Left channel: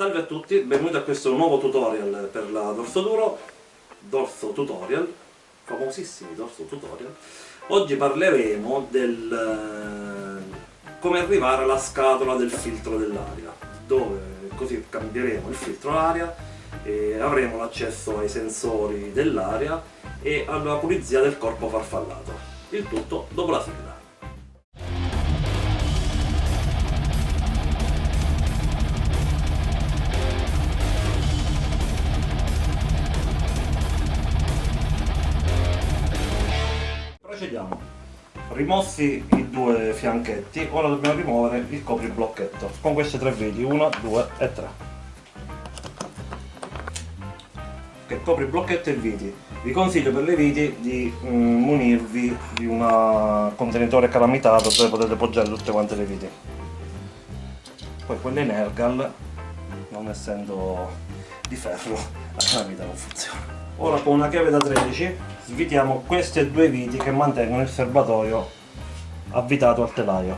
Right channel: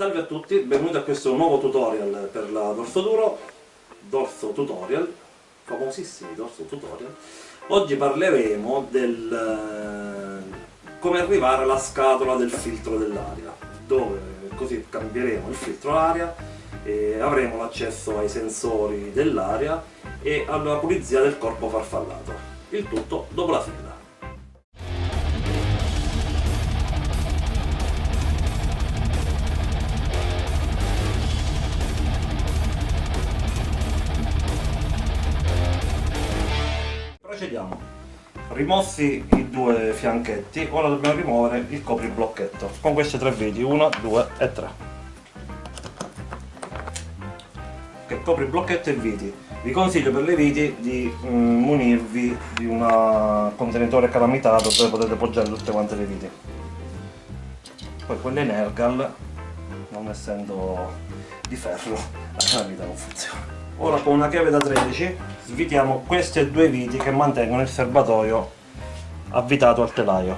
Salve a tutti, benvenuti a questo nuovo tutorial per la dorso tutorial, famosissimi dorso tutorial. Oggi parleremo del come arrivare alla scatola del filtro dell'aria, dove così cambieremo il filtro aria e avremo l'accesso ai sensori dell'aria e alla pulizia del corpo farfallato. Il tutto dopo la sigla. Procediamo. Rimossi i due fianchetti, ora dobbiamo rimuovere il copriblocchetto con queste tre viti, 1, 2 e 3. Che copriblocchetto e viti. Vi consiglio per le viti di munirvi di un contenitore calamitato dove potete poggiare tutte quante le viti. Poi quelle in Ergal, non essendo di ferro, la calamita non funziona. Ora con una chiave da 13 svitiamo queste due viti che mantengono il serbatoio avvitato al telaio.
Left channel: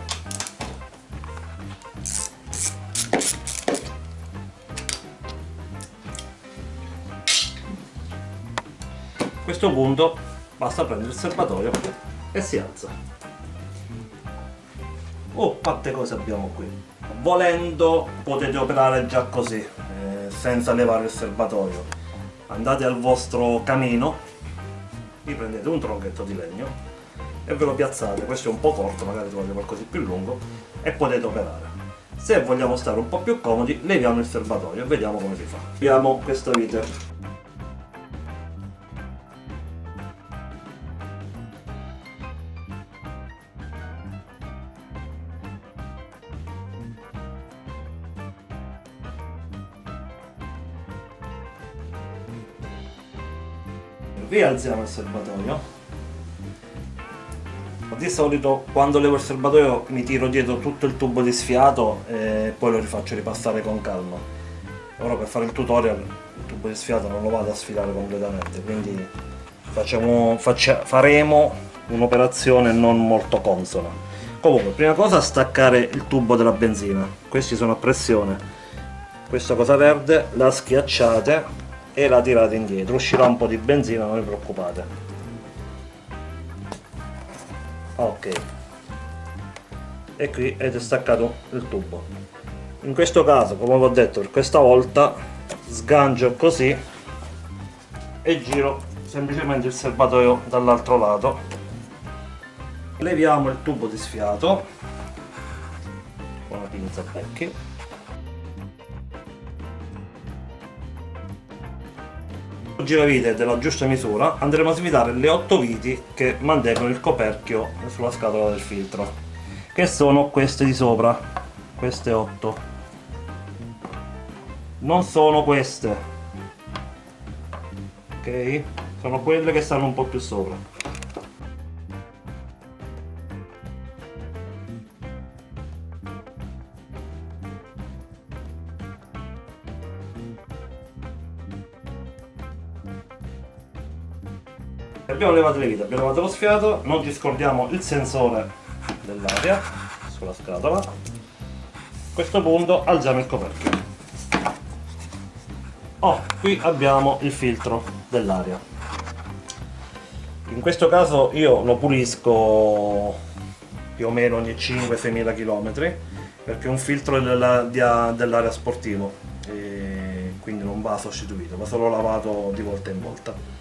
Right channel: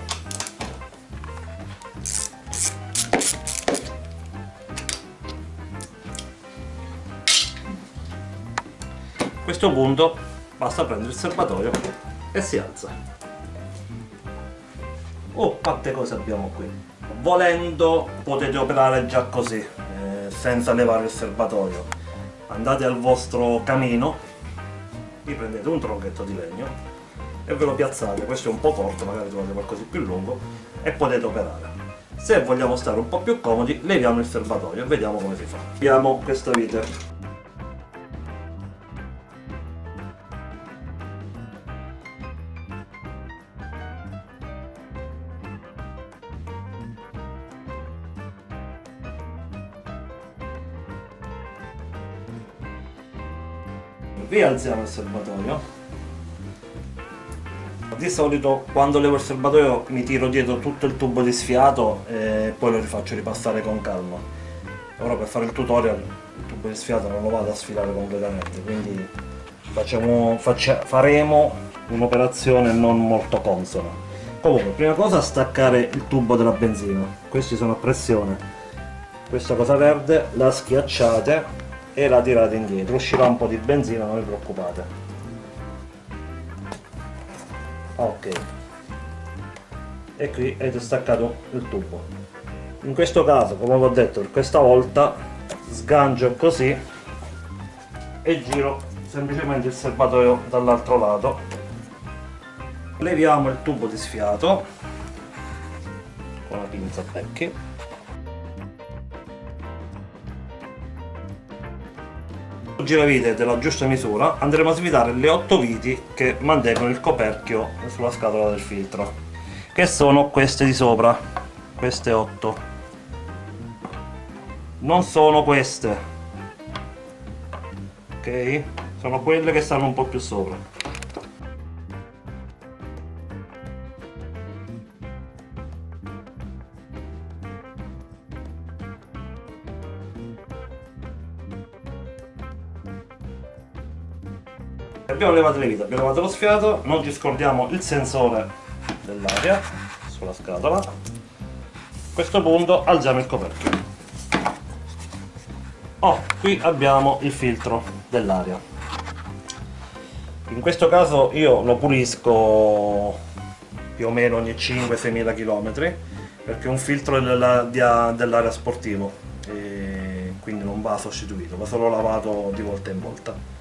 A questo punto basta prendere il serbatoio e si alza. Oh, quante cose abbiamo qui! Volendo potete operare già così, senza levare il serbatoio. Andate al vostro camino, vi prendete un tronchetto di legno e ve lo piazzate. Questo è un po' corto, magari trovate qualcosa di più lungo e potete operare. Se vogliamo stare un po' più comodi, leviamo il serbatoio e vediamo come si fa. Abbiamo questa vite. Rialziamo il serbatoio. Di solito quando levo il serbatoio mi tiro dietro tutto il tubo di sfiato e poi lo rifaccio ripassare con calma. Ora per fare il tutorial il tubo di sfiato non lo vado a sfilare completamente, quindi faremo un'operazione non molto consona. Comunque, prima cosa staccare il tubo della benzina. Questi sono a pressione. Questa cosa verde la schiacciate e la tirate indietro, uscirà un po' di benzina, non vi preoccupate. Ok, e qui avete staccato il tubo. In questo caso, come vi ho detto, per questa volta sgancio così e giro semplicemente il serbatoio dall'altro lato. Leviamo il tubo di sfiato con la pinza a becchi. Giravite della giusta misura andremo a svitare le 8 viti che mantengono il coperchio sulla scatola del filtro, che sono queste di sopra, queste 8, non sono queste, ok? Sono quelle che stanno un po' più sopra. Abbiamo levato le viti, abbiamo levato lo sfiato, non ci scordiamo il sensore dell'aria sulla scatola. A questo punto alziamo il coperchio. Qui abbiamo il filtro dell'aria. In questo caso io lo pulisco più o meno ogni 5-6 mila km, perché è un filtro dell'aria sportivo e quindi non va sostituito, va solo lavato di volta in volta.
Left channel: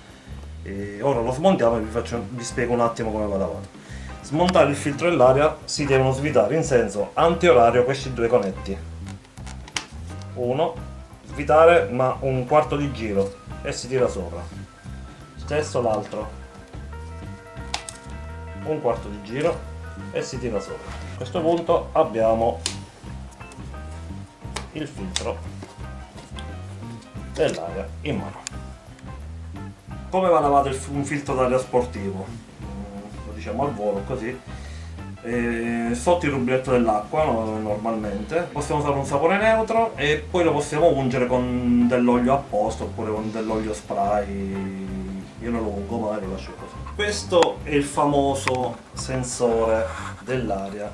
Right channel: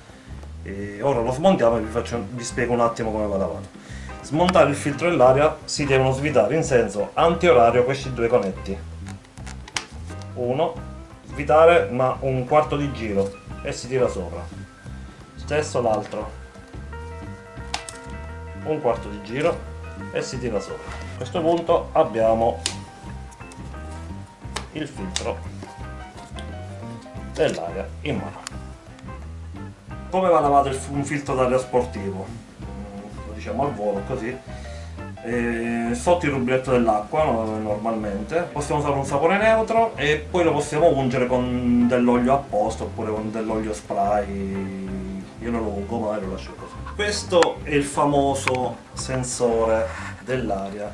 E ora lo smontiamo e vi spiego un attimo come va lavato. Smontare il filtro dell'aria si devono svitare in senso antiorario questi due conetti. Uno, svitare ma un quarto di giro e si tira sopra. Stesso l'altro, un quarto di giro e si tira sopra. A questo punto abbiamo il filtro dell'aria in mano. Come va lavato un filtro d'aria sportivo? Lo diciamo al volo così. Sotto il rubinetto dell'acqua normalmente. Possiamo usare un sapone neutro e poi lo possiamo ungere con dell'olio apposta oppure con dell'olio spray. Io non lo ungo, magari lo lascio così. Questo è il famoso sensore dell'aria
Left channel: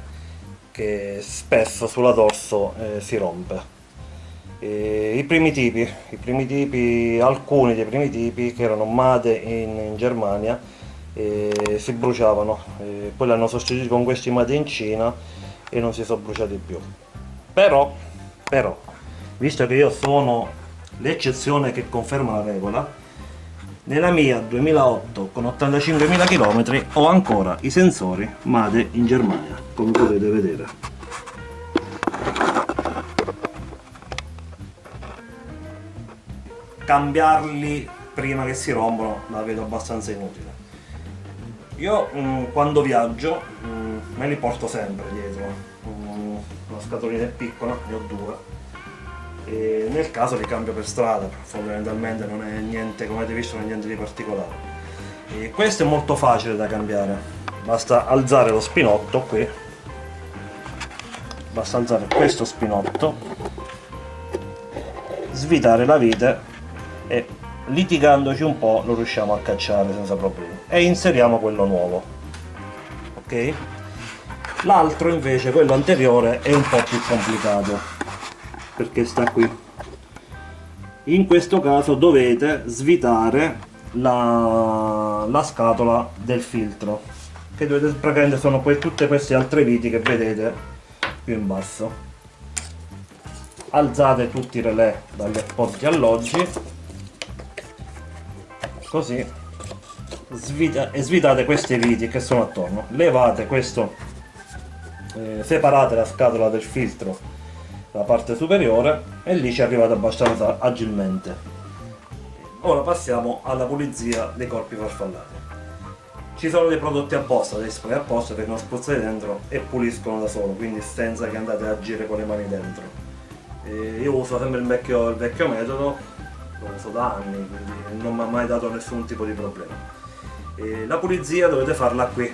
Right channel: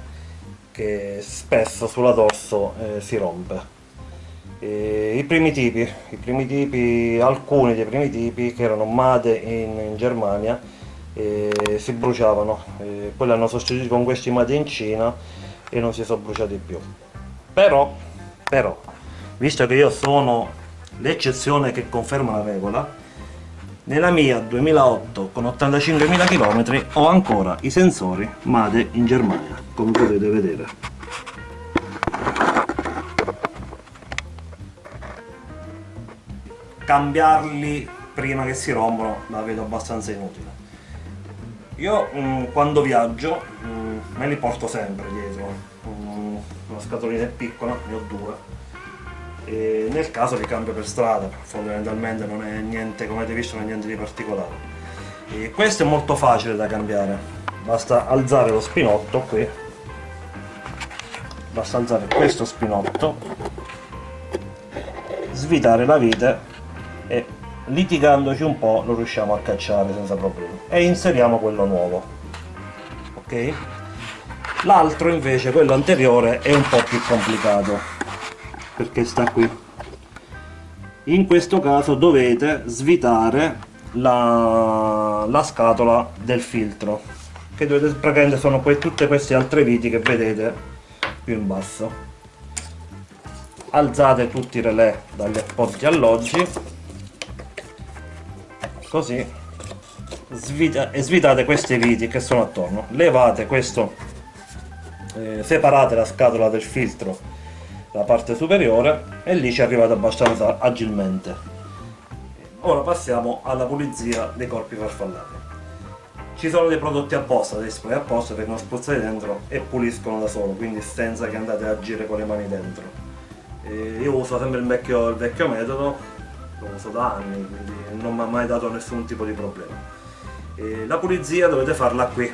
che spesso sulla dorso si rompe. I primi tipi, alcuni dei primi tipi che erano made in Germania, si bruciavano, poi li hanno sostituiti con questi made in Cina e non si sono bruciati più. Però, però, visto che io sono l'eccezione che conferma la regola, nella mia 2008 con 85.000 km ho ancora i sensori made in Germania, come potete vedere. Cambiarli prima che si rompono la vedo abbastanza inutile. Io quando viaggio me li porto sempre dietro. Una scatolina è piccola, ne ho due. E nel caso li cambio per strada, fondamentalmente non è niente, come avete visto, non è niente di particolare. E questo è molto facile da cambiare, basta alzare lo spinotto qui, basta alzare questo spinotto, svitare la vite e litigandoci un po' lo riusciamo a cacciare senza problemi e inseriamo quello nuovo, ok? L'altro invece, quello anteriore, è un po' più complicato perché sta qui. In questo caso dovete svitare la scatola del filtro, che dovete praticamente sono tutte queste altre viti che vedete più in basso. Alzate tutti i relè dagli appositi alloggi, così, e svitate queste viti che sono attorno. Levate questo, separate la scatola del filtro, la parte superiore, e lì ci arrivate abbastanza agilmente. Ora passiamo alla pulizia dei corpi farfallati. Ci sono dei prodotti apposta, dei spray apposta, vengono spruzzati dentro e puliscono da solo, quindi senza che andate a agire con le mani dentro. Io uso sempre il vecchio metodo, lo uso da anni, quindi non mi ha mai dato nessun tipo di problema. La pulizia dovete farla qui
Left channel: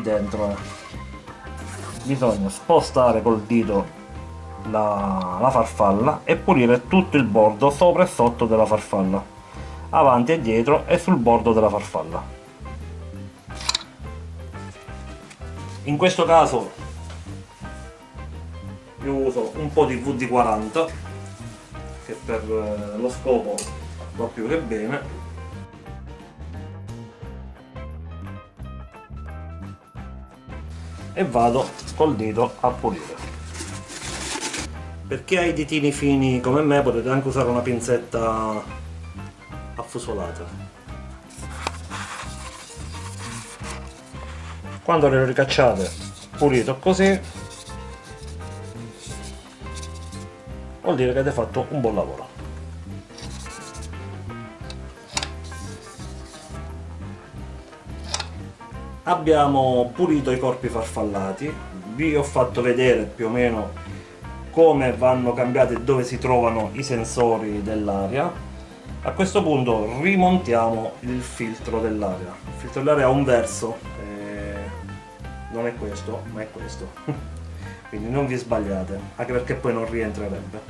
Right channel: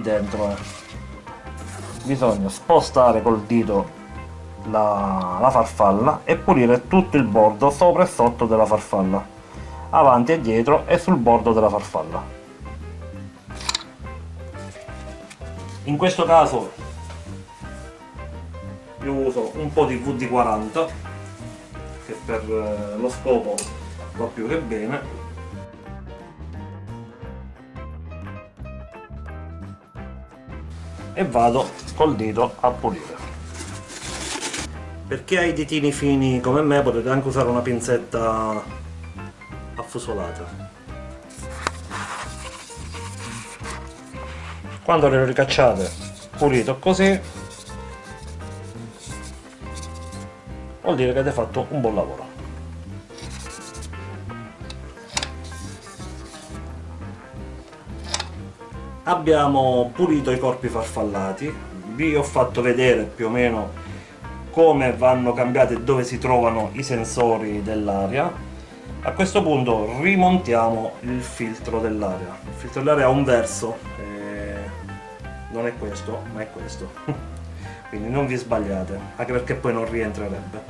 dentro. Bisogna spostare col dito la farfalla e pulire tutto il bordo sopra e sotto della farfalla, avanti e dietro e sul bordo della farfalla. In questo caso io uso un po' di WD-40 che per lo scopo va più che bene. E vado col dito a pulire. Per chi ha i ditini fini come me potete anche usare una pinzetta affusolata. Quando le ricacciate pulito così, vuol dire che avete fatto un buon lavoro. Abbiamo pulito i corpi farfallati, vi ho fatto vedere più o meno come vanno cambiati e dove si trovano i sensori dell'aria. A questo punto rimontiamo il filtro dell'aria. Il filtro dell'aria ha un verso, non è questo, ma è questo. Quindi non vi sbagliate, anche perché poi non rientrerebbe.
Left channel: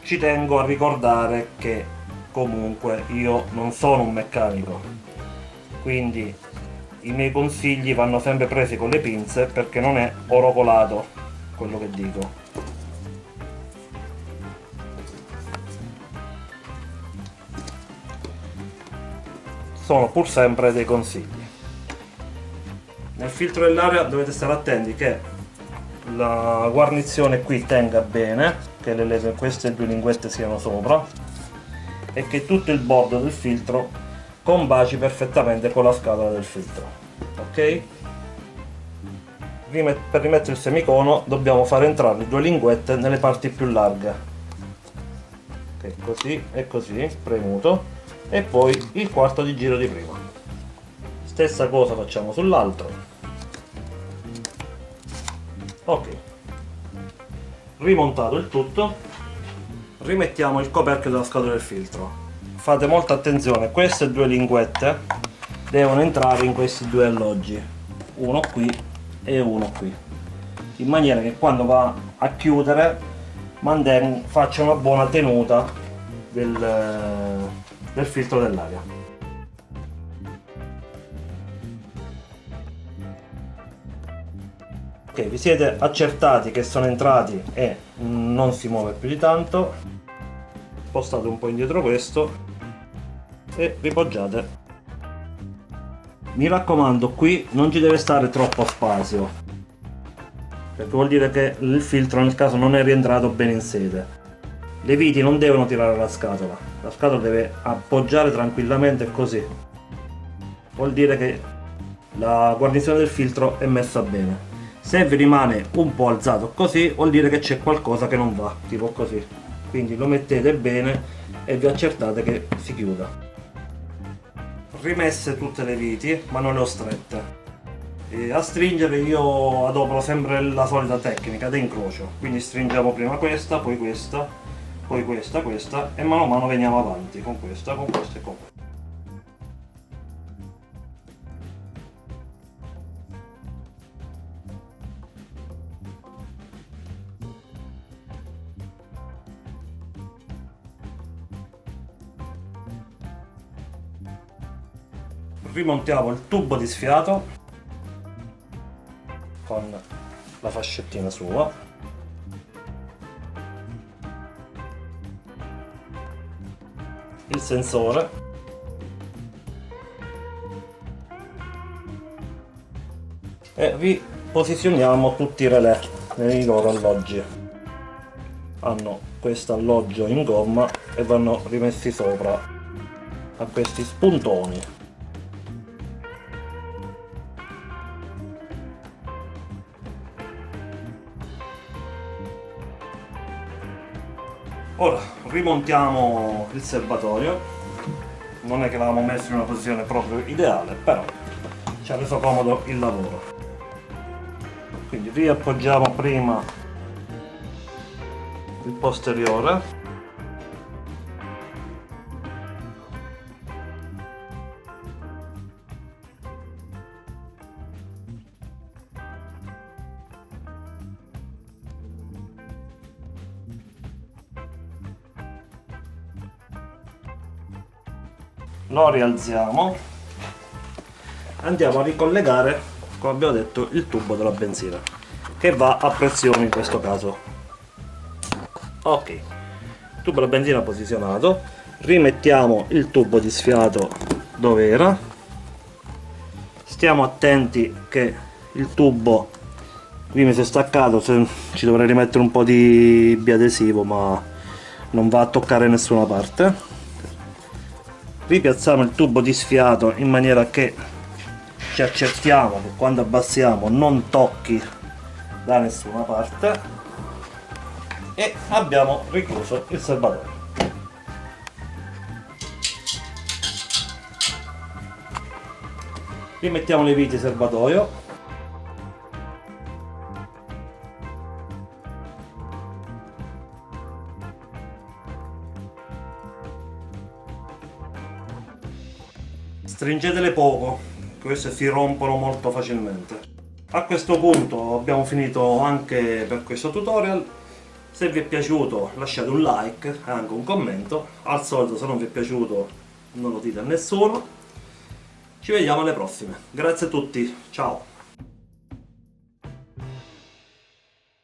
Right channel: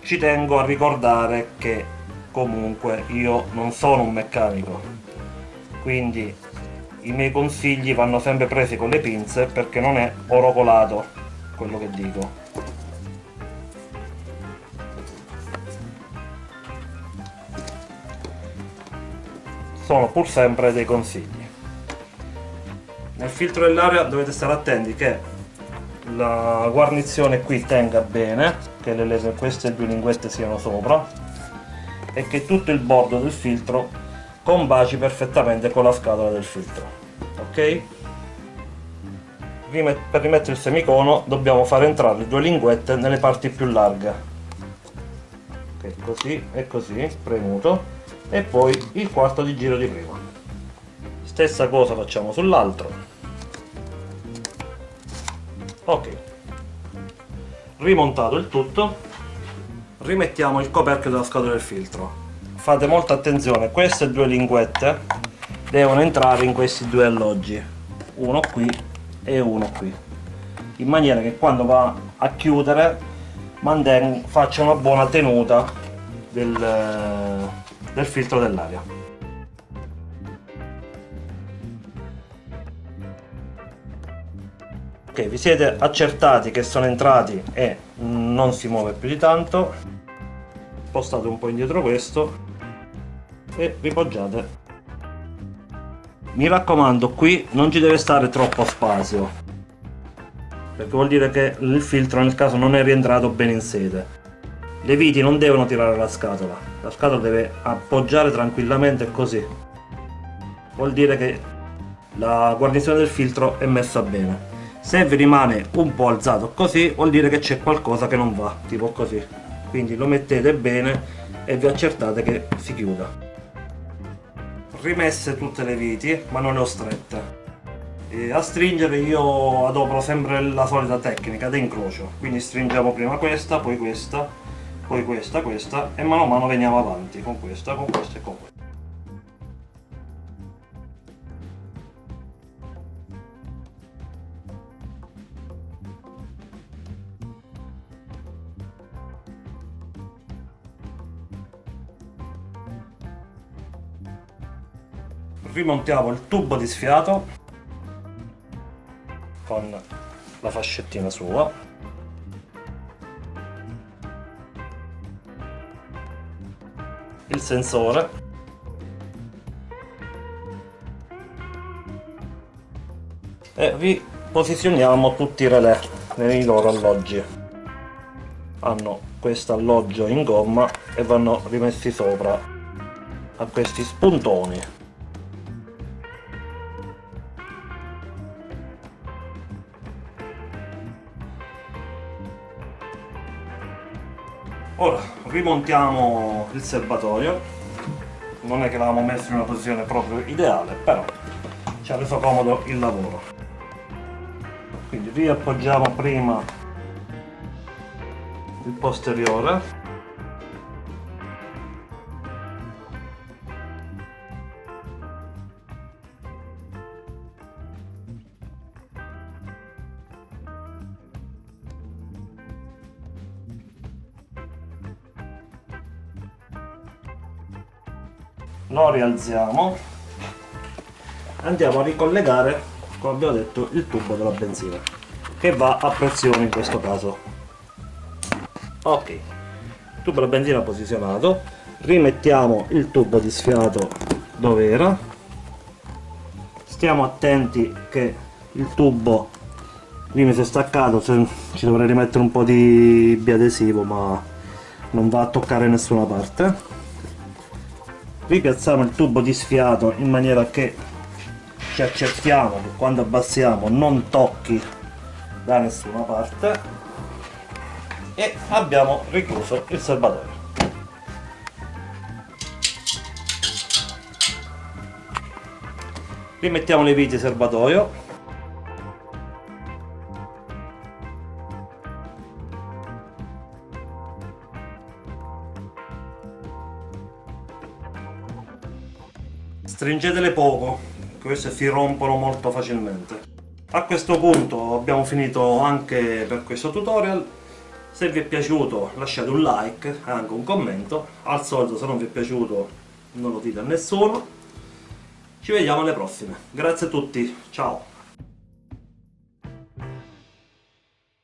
Ci tengo a ricordare che comunque io non sono un meccanico, quindi i miei consigli vanno sempre presi con le pinze perché non è oro colato quello che dico. Sono pur sempre dei consigli. Nel filtro dell'aria dovete stare attenti che la guarnizione qui tenga bene, che queste due linguette siano sopra e che tutto il bordo del filtro combaci perfettamente con la scatola del filtro, ok? Per rimettere il semicono dobbiamo fare entrare le due linguette nelle parti più larghe, ok, così e così, premuto, e poi il quarto di giro di prima. Stessa cosa facciamo sull'altro, ok. Rimontato il tutto, rimettiamo il coperchio della scatola del filtro. Fate molta attenzione, queste due linguette devono entrare in questi due alloggi, uno qui e uno qui, in maniera che quando va a chiudere faccia una buona tenuta del filtro dell'aria. Ok, vi siete accertati che sono entrati e non si muove più di tanto. Spostate un po' indietro questo e ripoggiate. Mi raccomando, qui non ci deve stare troppo spazio, perché vuol dire che il filtro nel caso non è rientrato bene in sede. Le viti non devono tirare la scatola deve appoggiare tranquillamente così. Vuol dire che la guarnizione del filtro è messa bene. Se vi rimane un po' alzato così, vuol dire che c'è qualcosa che non va, tipo così. Quindi lo mettete bene e vi accertate che si chiuda. Rimesse tutte le viti, ma non le ho strette. E a stringere io adopero sempre la solita tecnica di incrocio. Quindi stringiamo prima questa, poi questa, poi questa e mano a mano veniamo avanti con questa e con questa. Rimontiamo il tubo di sfiato con la fascettina sua. Il sensore. E riposizioniamo tutti i relè nei loro alloggi. Hanno questo alloggio in gomma e vanno rimessi sopra a questi spuntoni. Ora rimontiamo il serbatoio. Non è che l'avevamo messo in una posizione proprio ideale, però ci ha reso comodo il lavoro. Quindi riappoggiamo prima il posteriore. Lo rialziamo, andiamo a ricollegare, come abbiamo detto, il tubo della benzina che va a pressione in questo caso. Ok, il tubo della benzina posizionato, rimettiamo il tubo di sfiato dove era, stiamo attenti che il tubo prima si è staccato, ci dovrei rimettere un po' di biadesivo ma non va a toccare nessuna parte. Ripiazziamo il tubo di sfiato in maniera che ci accertiamo che quando abbassiamo non tocchi da nessuna parte e abbiamo richiuso il serbatoio. Rimettiamo le viti serbatoio. Stringetele poco, queste si rompono molto facilmente. A questo punto abbiamo finito anche per questo tutorial. Se vi è piaciuto lasciate un like e anche un commento. Al solito, se non vi è piaciuto non lo dite a nessuno. Ci vediamo alle prossime. Grazie a tutti, ciao!